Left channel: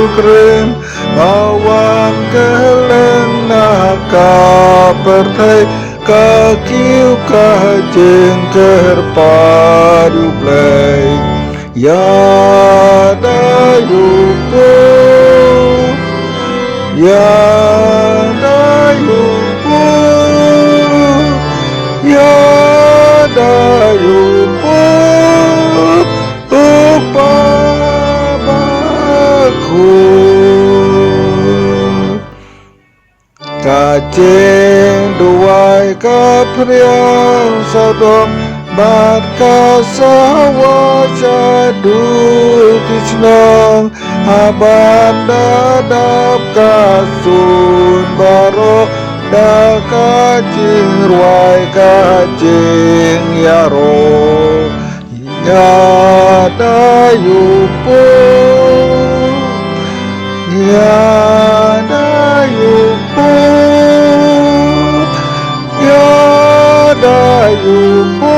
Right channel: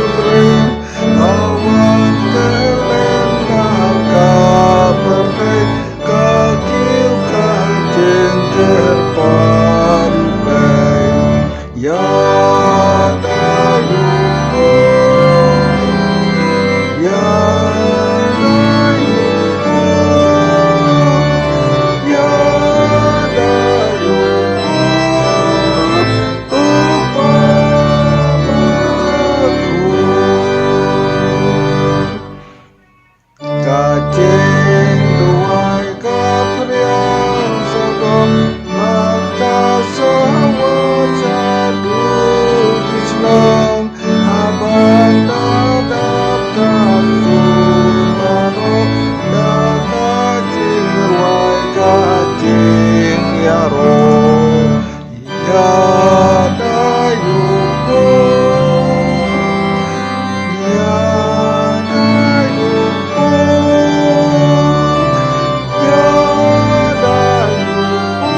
pilgrim awan keleng naka pertai kakiu kajeng kerpadu play ya dayupo ya dayupo ya dayupo upamaku kajeng duai kapriang sadom maka sawa jadu kisnang aban dadap kasun baro da kajing ruai kajing yaro ya dayupo ya dayupo ya dayupo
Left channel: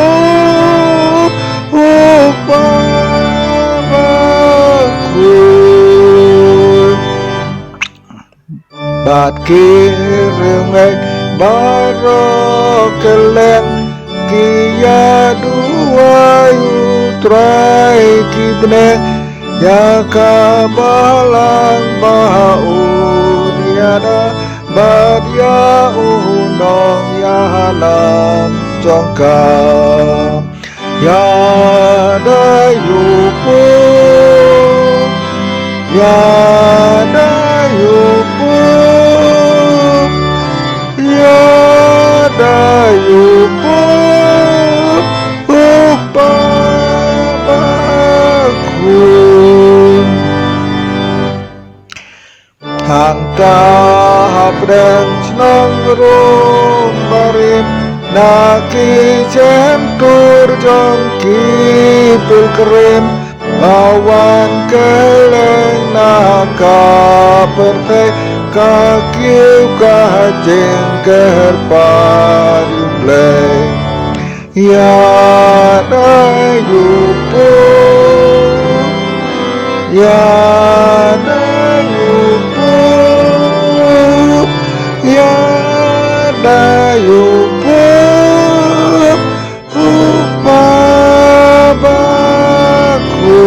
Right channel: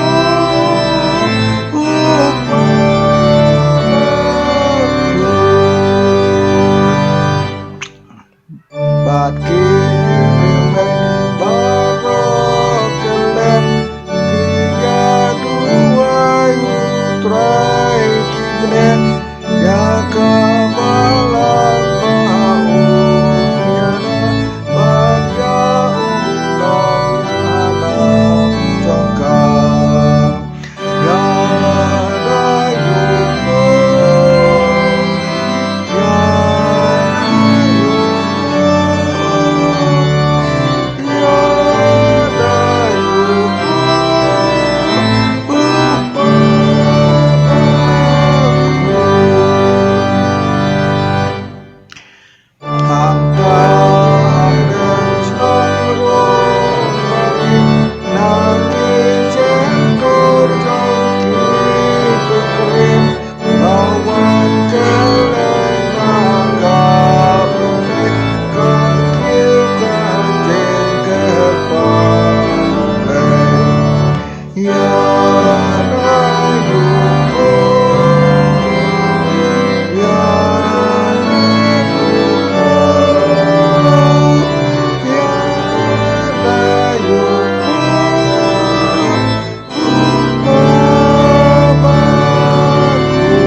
upamaku bat kiremek baro kelem kia duai utrai kibneng ya kabalang baun yada bad ya unong ya halam jongka ya dayupo ya dayupo ya dayupo upamaku hangta habreng senang rum barim naki jentur jangki pilkerim awan keleng naka pertai kakiu kajeng kerpadu play ya dayupo ya dayupo ya dayupo upamaku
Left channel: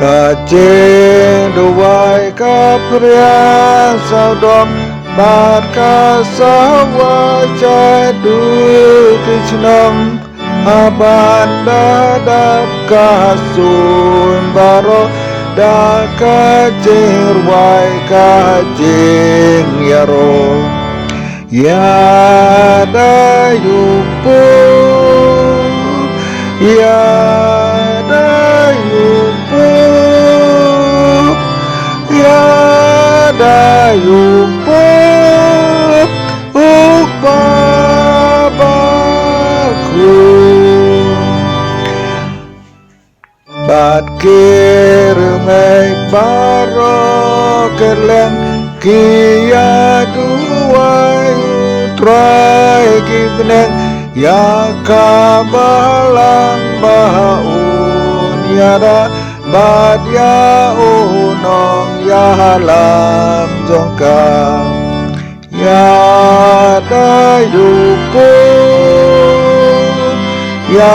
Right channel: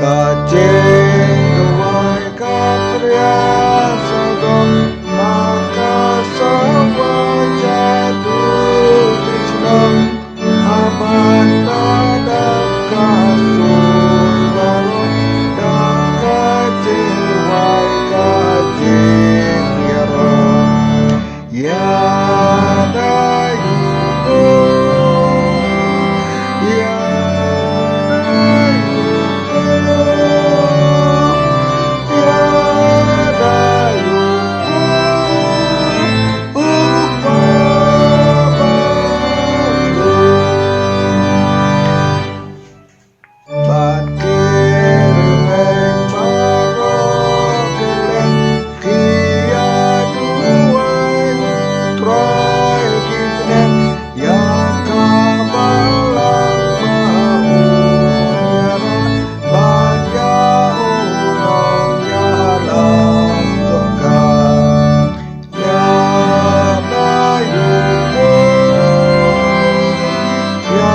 kajeng duai kapriang sadom maka sawa jadu kisnam aban dadap kasun baro da kajeng ruai kajeng yaro ya dayupo ya dayupo ya dayupo upamaku bat kiremek baro kelem kia duai utrai kibneng ya kabalang baun yada bad ya unong ya halam jongka ya dayupo ya